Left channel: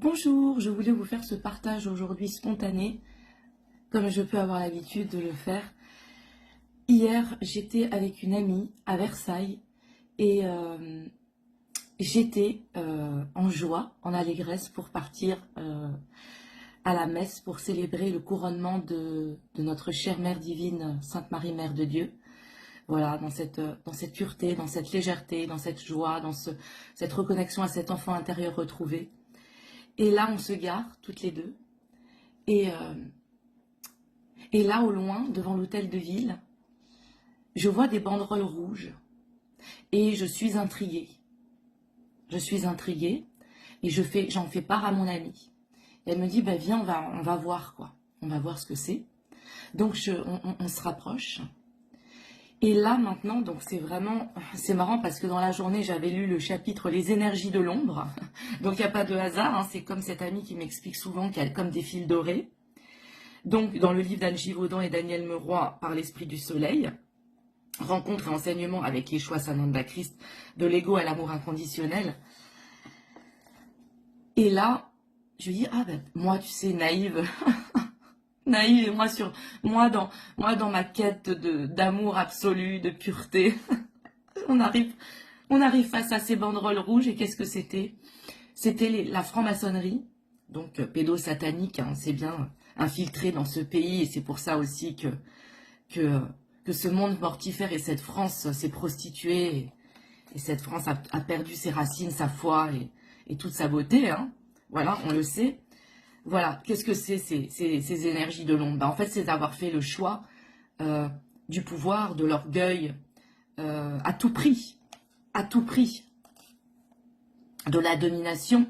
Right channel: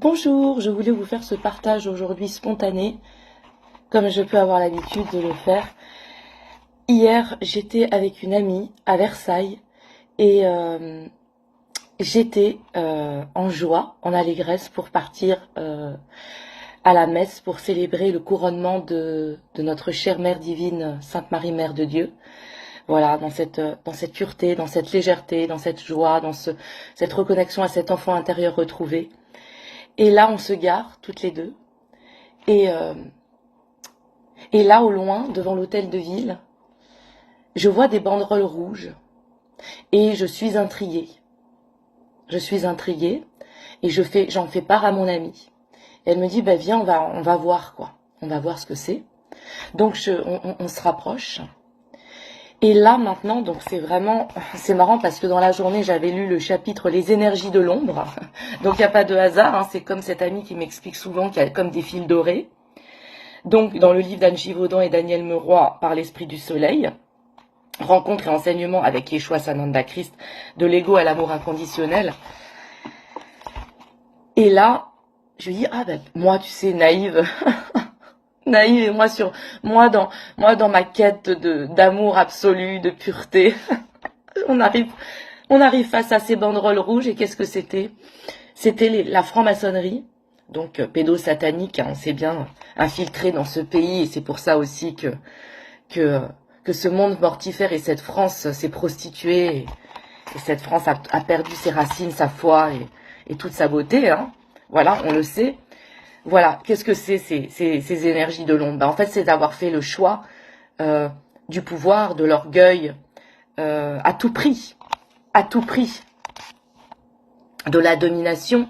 Bonjour, je voulais vous faire ce partage aujourd'hui spontané, comme je peux avoir l'habitude de le faire. Hier, j'étais avec une amie à Versailles et j'étais en joie, en allégresse pour partir à la messe pour célébrer le couronnement de notre chère Mère divine, Sainte Marie, Mère de Dieu. Voilà, dans cette pureté, dans cette légèreté, dans cette joie, cette reconnexion à cet enfant intérieur retrouvé. Et là, on se gare, toutes les deux. Et, euh, et là, au loin, devant l'hôtel de ville, je vois des banderoles rouges. Et je suis intriguée. Je suis intriguée. Et j'en fais part à mon amie. Et elle me dit, bah, viens, on va voir, quoi. On va voir ce que c'est. Donc, on se rapproche. Et là, maintenant, donc c'est marrant parce que dans la journée, j'avais lu le chapitre Les énergies de l'ombre. Donc, il n'y a pas de hasard, hein, c'est comme cette amie qui m'explique souvent qu'il y a comme des fils dorés. Donc, dans le livre d'Anne Givaudan et Daniel Meroy, Par l'esprit du soleil, rencontre et enseignement avec Yeshua Sananda Christ, de l'ego à l'amour inconditionnel. Et là, je lui dis, ah ben, moi, tu sais, naïve, naïve, et moi dans ma quête d'amour absolu, de pureté, on arrive face à ces banderoles rouges, et qu'est-ce que c'était? C'était la franc-maçonnerie, donc pédosatanique, hein, on sait bien, infiltré dans ce pays, et c'est pour ça aussi que ce monde mortifère et cette France s'est prostituée, et cette France a perdu ses racines, sa foi et toute sa beauté, hein. Voilà, on le sait. Voilà, qu'est-ce que c'est ces énergies de l'ombre? Ben, en fait, c'est d'avoir fait le choix du pouvoir, de l'orgueil, à tout prix, de la domination.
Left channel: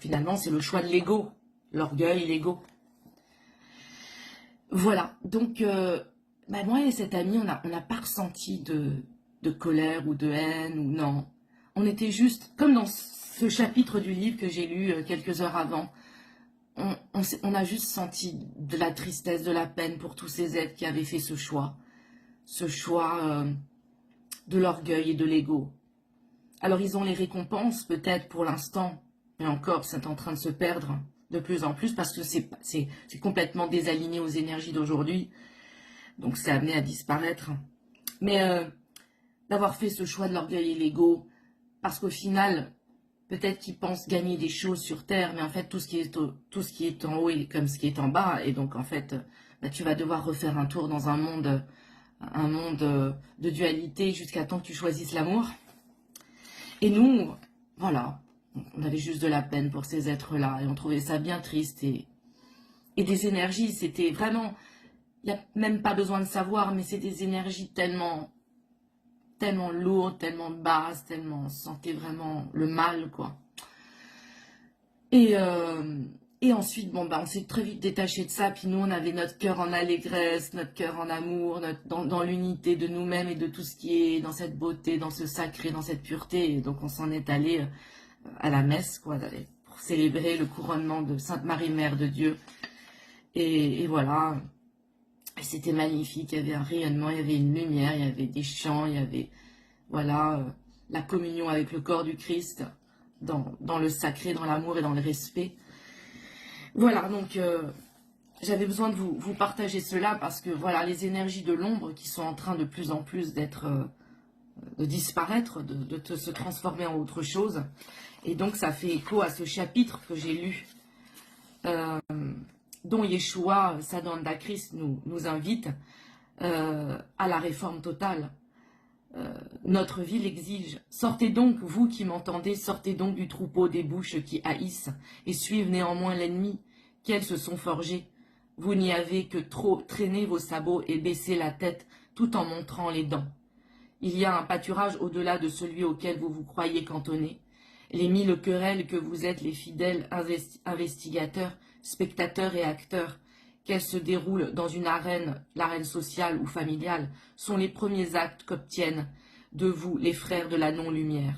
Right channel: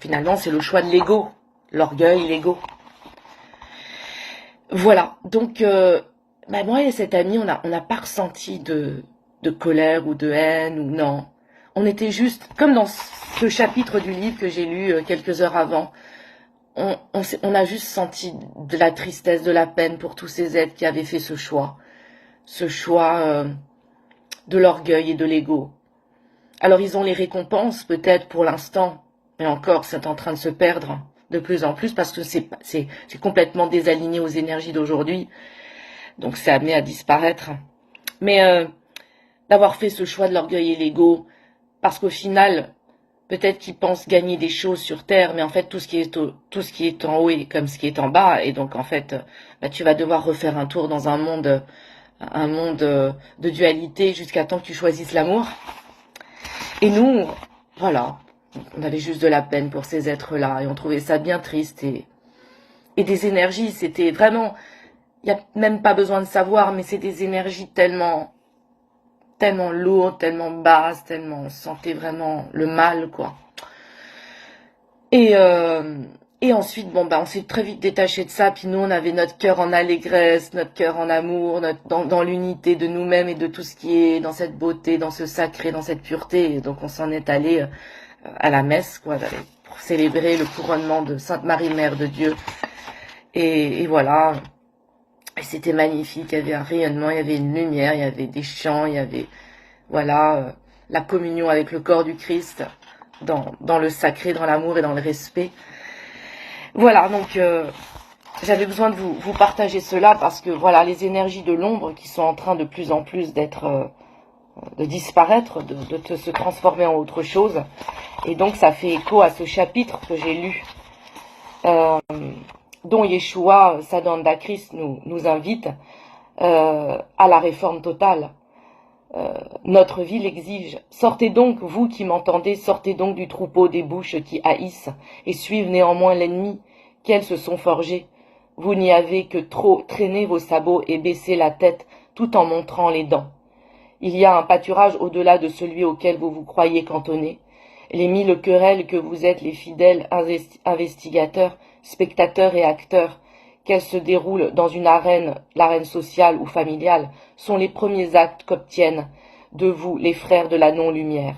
Finalement, c'est le choix de l'ego, l'orgueil, l'ego. Voilà, donc ben moi et cette amie, on n'a pas ressenti de colère ou de haine, ou non. On était juste, comme dans ce chapitre du livre que j'ai lu quelques heures avant, on a juste senti de la tristesse, de la peine pour tous ces êtres qui avaient fait ce choix de l'orgueil et de l'ego. Alors ils ont les récompenses peut-être pour l'instant, mais encore c'est en train de se perdre de plus en plus parce que c'est complètement désaligné aux énergies d'aujourd'hui, donc c'est amené à disparaître. Mais d'avoir fait ce choix de l'orgueil et l'ego, parce qu'au final, peut-être qu'ils pensent gagner des choses sur Terre, mais en fait, tout ce qui est en haut est comme ce qui est en bas. Et donc, en fait, bah, tu vas devoir refaire un tour dans un monde de dualité jusqu'à temps que tu choisisses l'amour. Et nous, voilà, on avait juste de la peine pour ces êtres-là. Et on trouvait ça bien triste. Et des énergies, c'était vraiment... Il n'y a même pas besoin de savoir, mais c'est des énergies tellement lourdes, tellement basses, tellement on sentait vraiment le mal, quoi. Et ensuite, bon, bah, on s'est très vite détaché de ça. Puis nous, on avait notre cœur en allégresse, notre cœur en amour, dans l'unité de nous-mêmes et de tout ce qui est dans cette beauté, dans ce sacré, dans cette pureté. Et donc, on s'en est allé à la messe, quoi, pour célébrer le couronnement de Sainte Marie, Mère de Dieu. Et voilà. Et c'était magnifique. Il y avait un rayonnement, il y avait une lumière, il y avait des chants, il y avait, voilà, la communion avec le corps du Christ, dans le sacré, dans l'amour et dans le respect. Voilà, donc j'avais besoin de vous partager cela parce que voilà, les énergies de l'ombre qui sont en train de plus en plus de disparaître, de se transformer en autre chose. Et donc ça fait écho à ce chapitre que j'ai lu, dont Yeshua, Sananda Christ, nous invite à la réforme totale. Notre vie l'exige. Sortez donc, vous qui m'entendez, sortez donc du troupeau des bouches qui haïssent et suivent néanmoins l'ennemi, qu'elles se sont forgées. Vous n'y avez que trop traîné vos sabots et baissé la tête tout en montrant les dents. Il y a un pâturage au-delà de celui auquel vous vous croyez cantonné. Les mille querelles que vous êtes les fidèles investigateurs, spectateurs et acteurs, qu'elles se déroulent dans une arène, l'arène sociale ou familiale, sont les premiers actes qu'obtiennent de vous les frères de la non-lumière.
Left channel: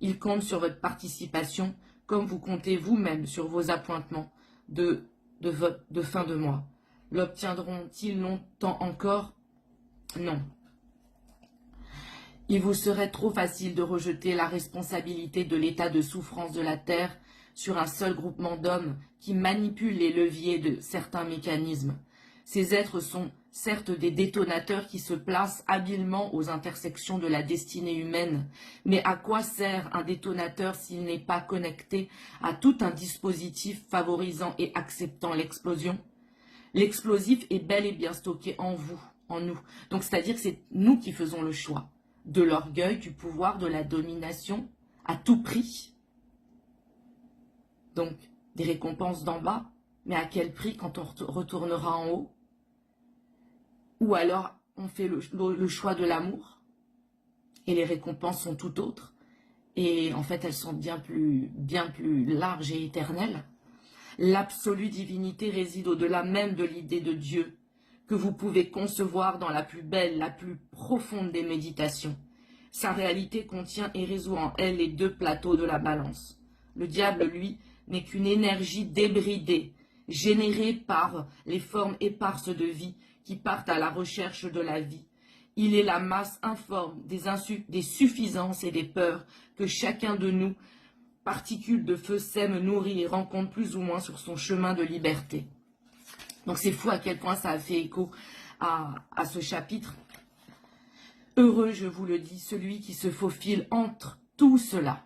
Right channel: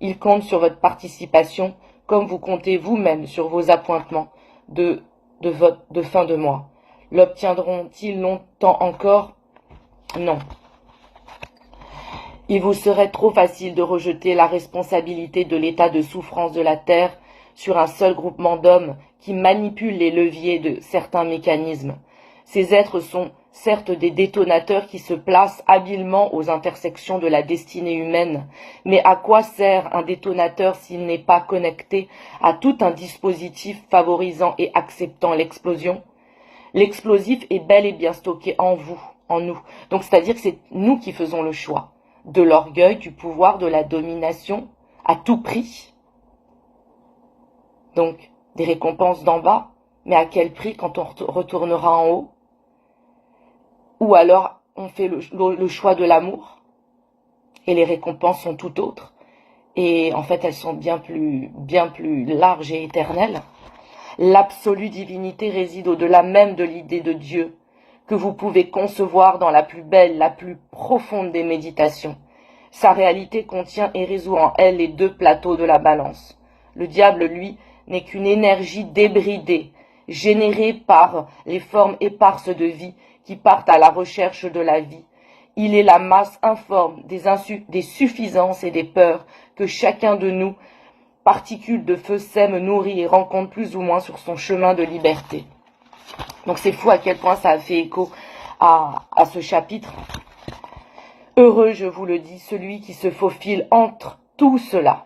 Ils comptent sur votre participation, comme vous comptez vous-même sur vos appointements de fin de mois. L'obtiendront-ils longtemps encore? Non. Il vous serait trop facile de rejeter la responsabilité de l'état de souffrance de la terre sur un seul groupement d'hommes qui manipulent les leviers de certains mécanismes. Ces êtres sont certes des détonateurs qui se placent habilement aux intersections de la destinée humaine, mais à quoi sert un détonateur s'il n'est pas connecté à tout un dispositif favorisant et acceptant l'explosion? L'explosif est bel et bien stocké en vous, en nous. Donc c'est-à-dire que c'est nous qui faisons le choix de l'orgueil, du pouvoir, de la domination, à tout prix. Donc des récompenses d'en bas, mais à quel prix quand on retournera en haut? Ou alors on fait le choix de l'amour et les récompenses sont tout autres. Et en fait elles sont bien plus larges et éternelles. L'absolue divinité réside au-delà même de l'idée de Dieu, que vous pouvez concevoir dans la plus belle, la plus profonde des méditations. Sa réalité contient et résout en elle les deux plateaux de la balance. Le diable, lui, n'est qu'une énergie débridée, générée par les formes éparses de vie qui partent à la recherche de la vie. Il est la masse informe des suffisances et des peurs que chacun de nous, particules de feu, sème, nourrit et rencontre plus ou moins sur son chemin de liberté. Donc c'est fou à quel point ça a fait écho à ce chapitre. Heureux, je vous le dis, celui qui se faufile entre tout cela,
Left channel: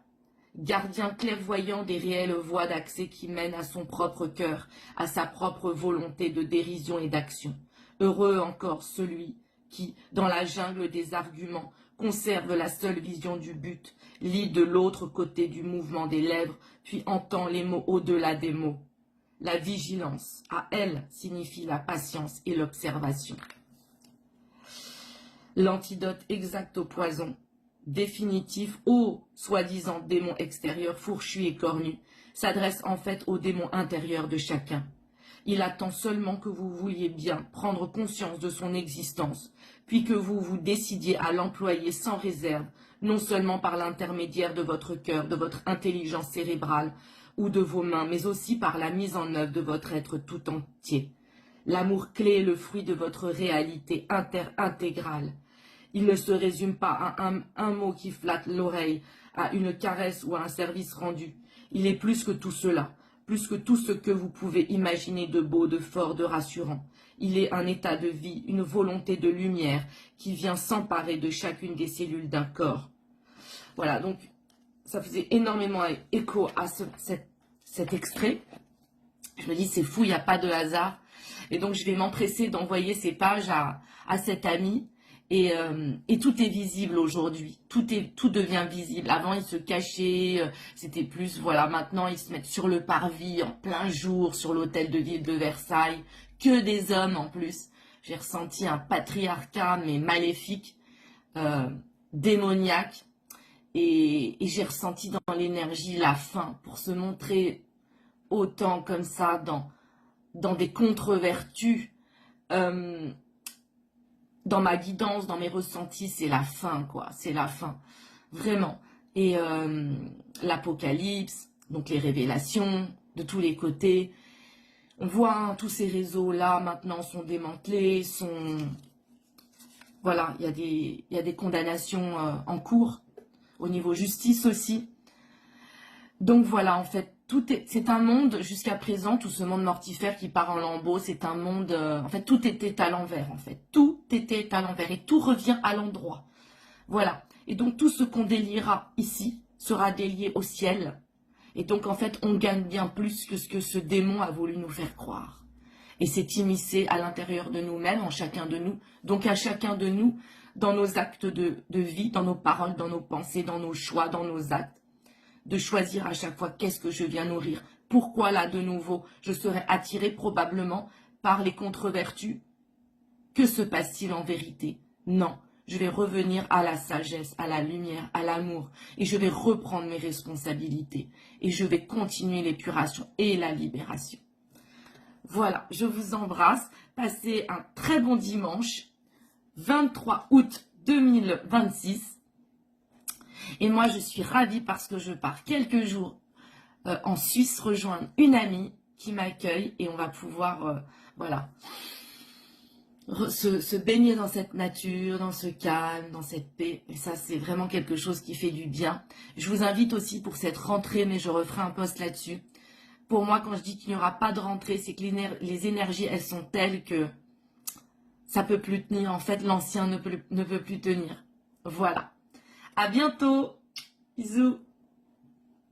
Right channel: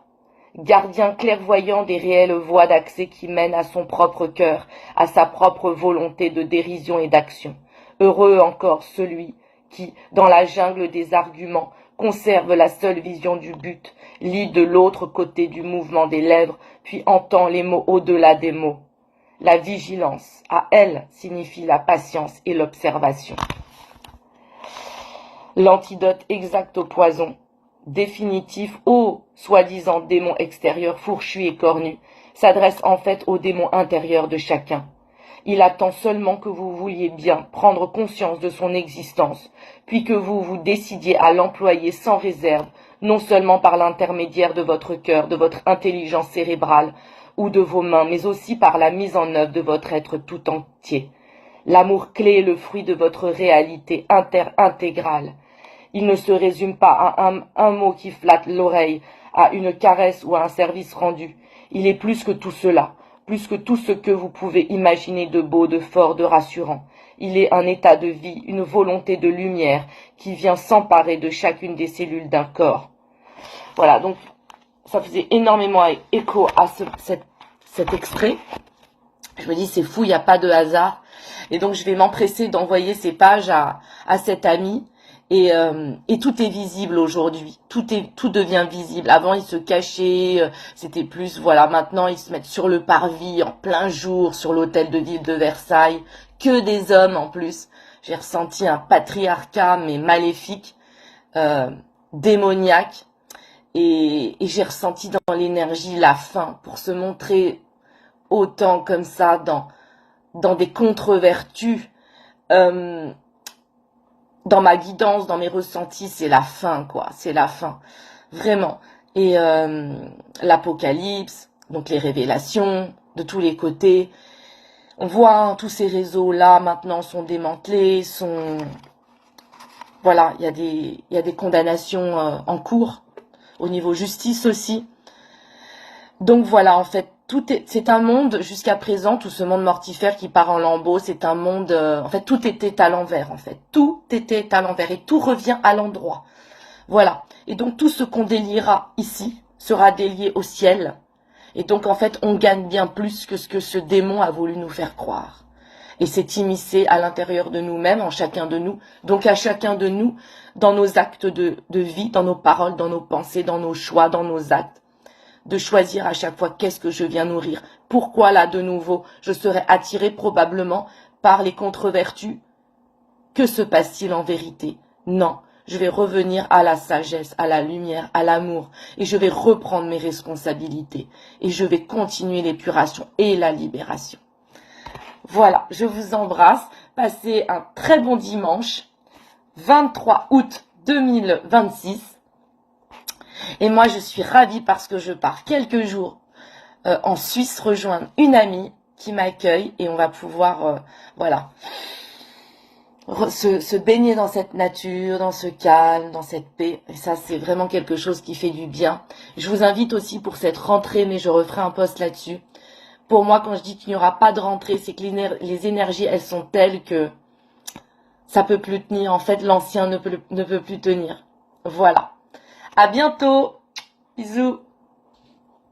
gardien clairvoyant des réelles voies d'accès qui mènent à son propre cœur, à sa propre volonté de dérision et d'action. Heureux encore celui qui, dans la jungle des arguments, conserve la seule vision du but, lit de l'autre côté du mouvement des lèvres, puis entend les mots au-delà des mots. La vigilance, à elle, signifie la patience et l'observation. L'antidote exact au poison, définitif au soi-disant démon extérieur fourchu et cornu, s'adresse en fait au démon intérieur de chacun. Il attend seulement que vous vouliez bien prendre conscience de son existence, puis que vous vous décidiez à l'employer sans réserve, non seulement par l'intermédiaire de votre cœur, de votre intelligence cérébrale ou de vos mains, mais aussi par la mise en œuvre de votre être tout entier. L'amour clé est le fruit de votre réalité intégrale. Il ne se résume pas à un mot qui flatte l'oreille, à une caresse ou à un service rendu. Il est plus que tout cela, plus que tout ce que vous pouvez imaginer de beau, de fort, de rassurant. Il est un état de vie, une volonté de lumière qui vient s'emparer de chacune des cellules d'un corps. Voilà, donc ça faisait énormément écho à cet extrait. Je me dis, c'est fou, il n'y a pas de hasard. Et donc, je vais m'empresser d'envoyer ces pages à cet ami. Et tout est visible aujourd'hui. Tout devient visible. Avant, ils se cachaient. C'était plus, voilà, maintenant, ils se mettent sur le parvis, en plein jour, sur l'hôtel de ville de Versailles. Que des hommes, en plus. J'ai ressenti un patriarcat, mais maléfique, démoniaque. Et j'ai ressenti dans l'énergie la faim pour se montrer autant comme ça dans des contre-vertus. Dans ma guidance, dans mes ressentis, c'est la fin, quoi. C'est la fin. Vraiment. Et l'Apocalypse, donc les révélations de tous les côtés. On voit hein, tous ces réseaux-là maintenant sont démantelés, Voilà, il y a des condamnations en cours, au niveau justice aussi. Donc voilà, en fait, c'est un monde, jusqu'à présent, tout ce monde mortifère qui part en lambeaux, c'est un monde, en fait, tout était à l'envers, en fait. Tout était à l'envers et tout revient à l'endroit. Voilà. Et donc, tout ce qu'on déliera ici sera délié au ciel. Et donc, en fait, on gagne bien plus que ce que ce démon a voulu nous faire croire. Et c'est immiscé à l'intérieur de nous-mêmes, en chacun de nous. Donc, à chacun de nous, dans nos actes de vie, dans nos paroles, dans nos pensées, dans nos choix, dans nos actes. De choisir à chaque fois qu'est-ce que je viens nourrir. Pourquoi là, de nouveau, je serai attiré probablement par les contre-vertus. Que se passe-t-il en vérité? Non, je vais revenir à la sagesse, à la lumière, à l'amour, et je vais reprendre mes responsabilités, et je vais continuer l'épuration et la libération. Voilà, je vous embrasse. Passez un très bon dimanche, 23 août 2026. Et moi, je suis ravie parce que je pars quelques jours en Suisse rejoindre une amie qui m'accueille et on va pouvoir, voilà, se baigner dans cette nature, dans ce calme, dans cette paix. Et ça, c'est vraiment quelque chose qui fait du bien. Je vous invite aussi pour cette rentrée, mais je referai un post là-dessus. Pour moi, quand je dis qu'il n'y aura pas de rentrée, c'est que les énergies, elles sont telles que ça peut plus tenir. En fait, l'ancien ne peut plus tenir. Voilà. À bientôt. Bisous.